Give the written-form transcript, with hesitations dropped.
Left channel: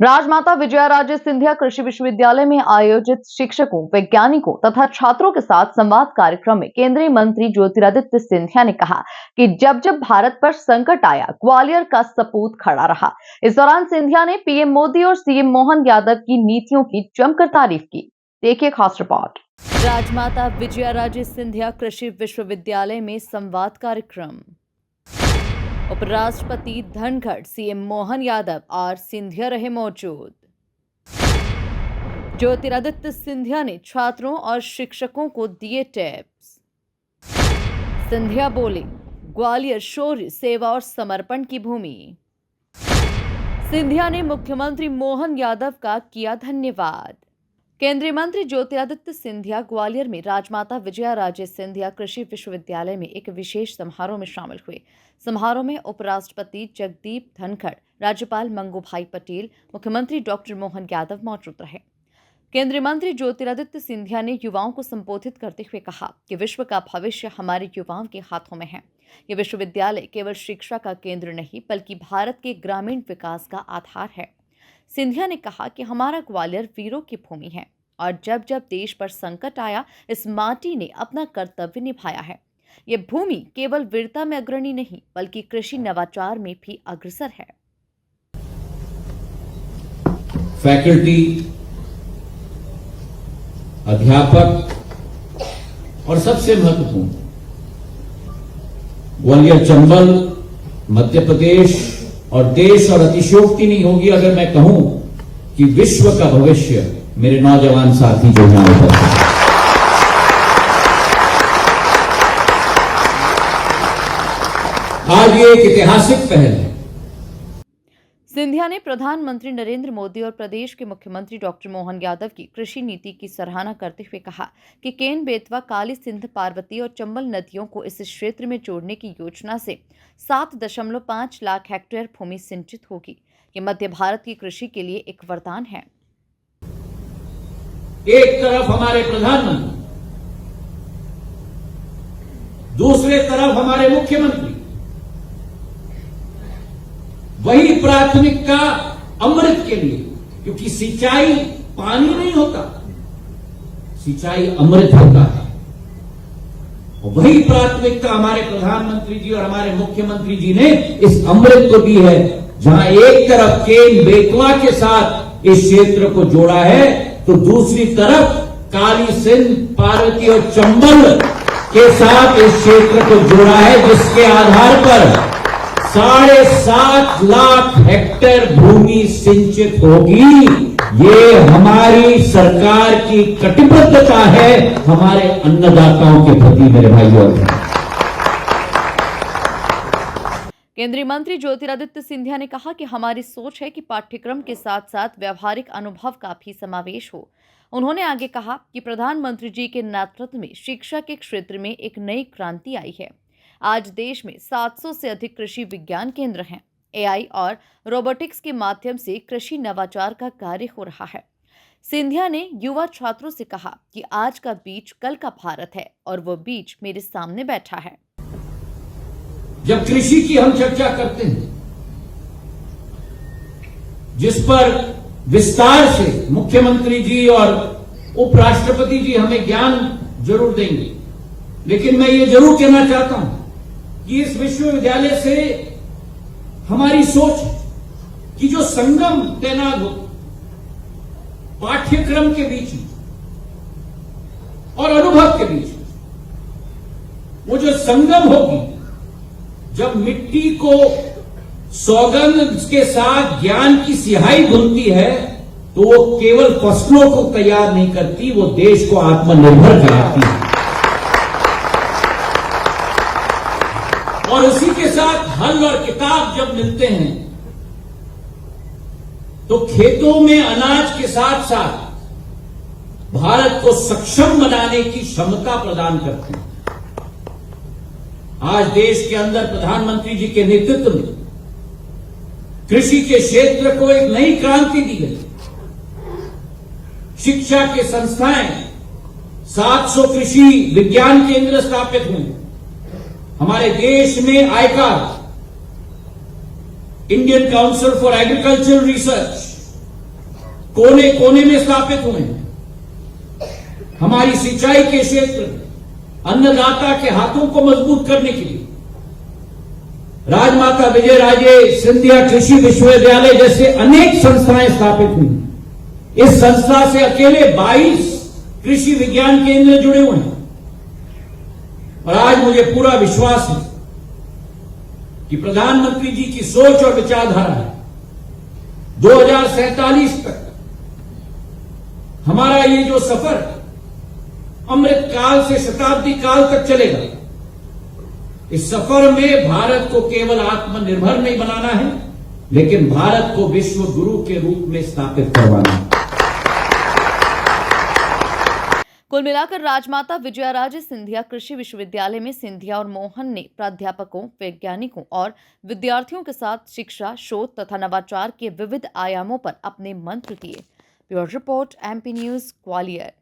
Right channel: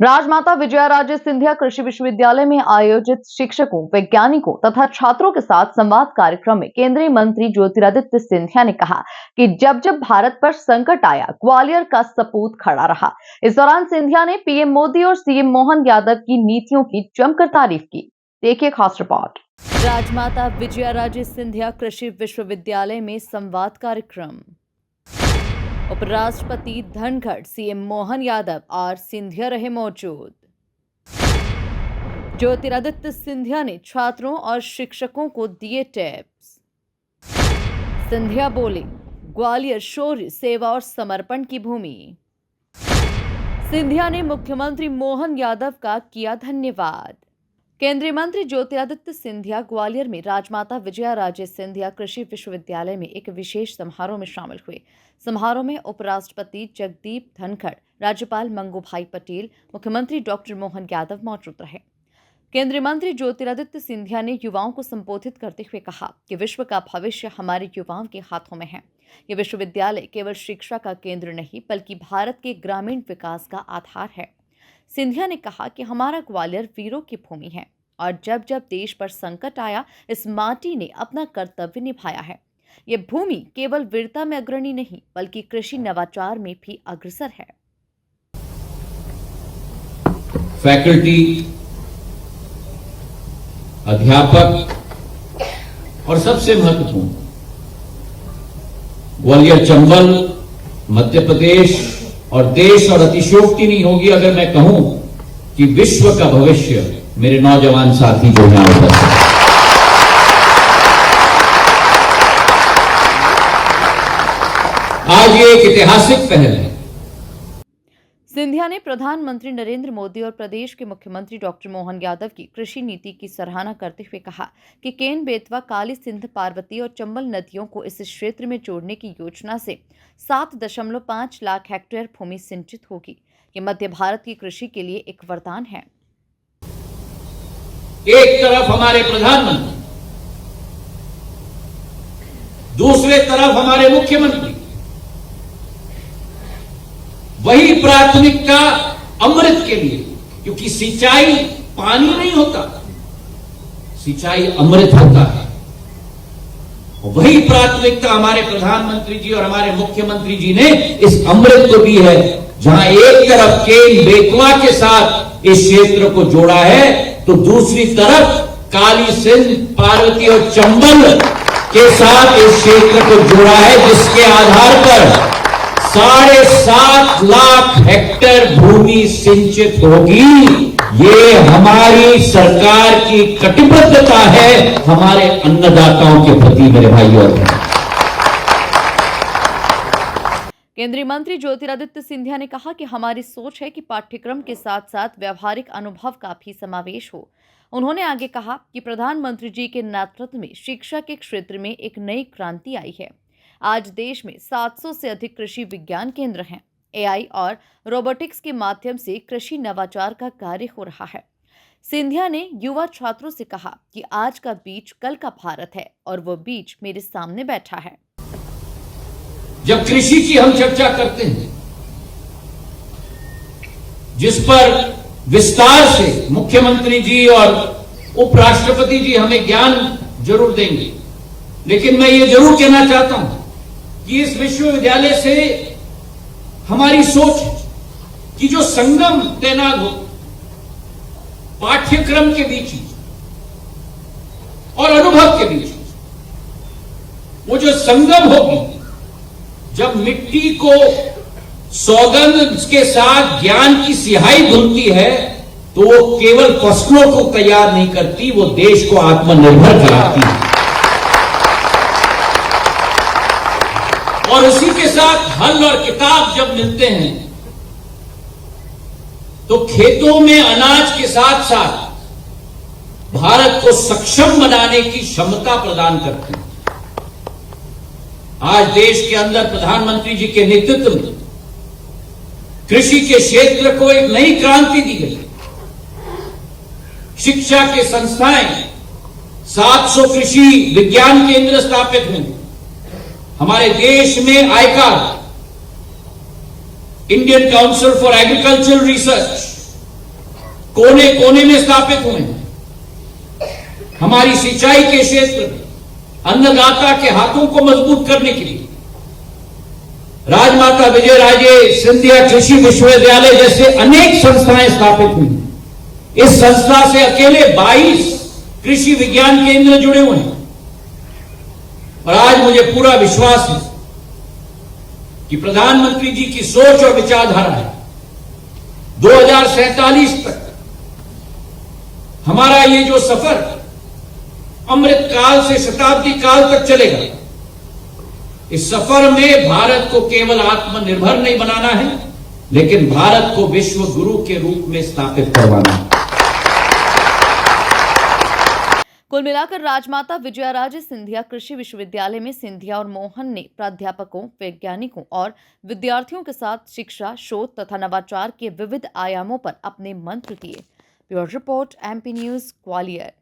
राजमाता विजयाराजे सिंधिया कृषि विश्वविद्यालय में आयोजित शिक्षकों, वैज्ञानिकों तथा छात्रों के साथ संवाद कार्यक्रम में केंद्रीय मंत्री ज्योतिरादित्य सिंधिया ने कहा कि जब जब भारत पर संकट आया, ग्वालियर का सपूत खड़ा रहा। इस दौरान सिंधिया ने पीएम मोदी और सीएम मोहन यादव की नीतियों की जमकर तारीफ की। देखिए खास रिपोर्ट। राजमाता विजयाराजे सिंधिया कृषि विश्वविद्यालय में संवाद कार्यक्रम। उपराष्ट्रपति धनखड़, सीएम मोहन यादव और सिंधिया रहे मौजूद। ज्योतिरादित्य सिंधिया ने छात्रों और शिक्षकों को दिए टिप्स। सिंधिया बोले, ग्वालियर शौर्य, सेवा और समर्पण की भूमि। सिंधिया ने मुख्यमंत्री मोहन यादव का किया धन्यवाद। केंद्रीय मंत्री ज्योतिरादित्य सिंधिया ग्वालियर में राजमाता विजयाराजे सिंधिया कृषि विश्वविद्यालय में एक विशेष समारोह में शामिल हुए। समारोह में उपराष्ट्रपति जगदीप धनखड़, राज्यपाल मंगूभाई पटेल, मुख्यमंत्री डॉक्टर मोहन यादव मौजूद रहे। केंद्रीय मंत्री ज्योतिरादित्य सिंधिया ने युवाओं को संबोधित करते हुए कहा कि विश्व का भविष्य हमारे युवाओं के हाथों में है। ये विश्वविद्यालय केवल शिक्षा का केंद्र नहीं, बल्कि भारत के ग्रामीण विकास का आधार है। सिंधिया ने कहा कि हमारा ग्वालियर वीरों की भूमि है और जब जब देश पर संकट आया, इस माटी ने अपना कर्तव्य निभाया है। ये भूमि केवल वीरता में अग्रणी नहीं, बल्कि कृषि नवाचार में भी अग्रसर है। फैकल्टी, अध्यापक और सबसे महत्वपूर्ण ग्वालियर, चंबल, मध्य प्रदेश और देश और अतिशयोक्ति नहीं होगी अगर मैं कहूं कि विश्व का भविष्य मेरे नौजवान साथी जो यहां उपस्थित हैं। आज ये एक ऐतिहासिक पहल है। सिंधिया ने प्रधानमंत्री नरेंद्र मोदी और प्रदेश के मुख्यमंत्री डॉक्टर मोहन यादव की कृषि नीति की सराहना करते हुए कहा कि केन बेतवा, काली सिंध, पार्वती और चंबल नदियों को इस क्षेत्र में जोड़ने की योजना से 7.5 लाख हेक्टेयर भूमि सिंचित होगी। ये मध्य भारत की कृषि के लिए एक वरदान है। एक तरफ हमारे प्रधानमंत्री, दूसरे तरफ हमारे मुख्यमंत्री वही प्राथमिकता अमृत के लिए, क्योंकि सिंचाई पानी नहीं होता, सिंचाई अमृत होता है। वही प्राथमिकता हमारे प्रधानमंत्री जी और हमारे मुख्यमंत्री जी ने इस अमृत को दी है। जहां एक तरफ केन बेतवा के साथ इस क्षेत्र को जोड़ा है, तो दूसरी तरफ काली सिंध, पार्वती और चंबल के साथ इस क्षेत्र को जोड़ा है, जिसके आधार पर 7.5 लाख हेक्टेयर भूमि सिंचित होगी। ये हमारी सरकार की कटिबद्धता है हमारे अन्नदाताओं के प्रति, मेरे भाइयों और बहनों। केंद्रीय मंत्री ज्योतिरादित्य सिंधिया ने कहा कि हमारी सोच है कि पाठ्यक्रम के साथ साथ व्यावहारिक अनुभव का भी समावेश हो। उन्होंने आगे कहा कि प्रधानमंत्री जी के नेतृत्व में शिक्षा के क्षेत्र में एक नई क्रांति आई है। आज देश में 700 से अधिक कृषि विज्ञान केंद्र हैं। एआई और रोबोटिक्स के माध्यम से कृषि नवाचार का कार्य हो रहा है। सिंधिया ने युवा छात्रों से कहा कि आज का बीज कल का भारत है और वो बीज मेरे सामने बैठा है। जब कृषि की हम चर्चा करते हैं, जिस पर विस्तार से मुख्यमंत्री जी और उपराष्ट्रपति जी हमें ज्ञान जरूर देंगे, लेकिन मैं ये जरूर कहना चाहता हूं कि इस विश्वविद्यालय से हमारी सोच कि जो संगम तैनात हो पाठ्यक्रम के बीच और अनुभव के बीच, वो जो संगम होगी, जब मिट्टी को सौगंध के साथ ज्ञान की सिहाई धुलती है, तो वो केवल फसलों को तैयार नहीं करती, वो देश को आत्मनिर्भर कराती है। और उसी के साथ हल और किताब जब मिलते हैं, तो खेतों में अनाज के साथ साथ भारत को सक्षम बनाने की क्षमता प्रदान करते हैं। आज देश के अंदर प्रधानमंत्री जी के नेतृत्व में कृषि के क्षेत्र को एक नई क्रांति दी गई। शिक्षा के संस्थाएं, 700 कृषि विज्ञान केंद्र स्थापित हुए। हमारे देश में I card, Indian council for agricultural research, कोने कोने में स्थापित हुए हैं। हमारी सिंचाई के क्षेत्र में अन्नदाता के हाथों को मजबूत करने के लिए राजमाता विजयराजे सिंधिया कृषि विश्वविद्यालय जैसे अनेक संस्थाएं स्थापित हुई। इस संस्था से अकेले 22 कृषि विज्ञान केंद्र जुड़े हुए हैं और आज मुझे पूरा विश्वास है कि प्रधानमंत्री जी की सोच और विचारधारा है 2047 तक हमारा ये जो सफर अमृत काल से शताब्दी काल तक चलेगा, इस सफर में भारत को केवल आत्मनिर्भर नहीं बनाना है, लेकिन भारत को विश्व गुरु के रूप में स्थापित करवाना है। कुल मिलाकर राजमाता विजयाराजे सिंधिया कृषि विश्वविद्यालय में सिंधिया और मोहन ने प्राध्यापकों, वैज्ञानिकों और विद्यार्थियों के साथ शिक्षा, शोध तथा नवाचार के विविध आयामों पर अपने मंत्र दिए। Bureau report, MP news, Gwalior.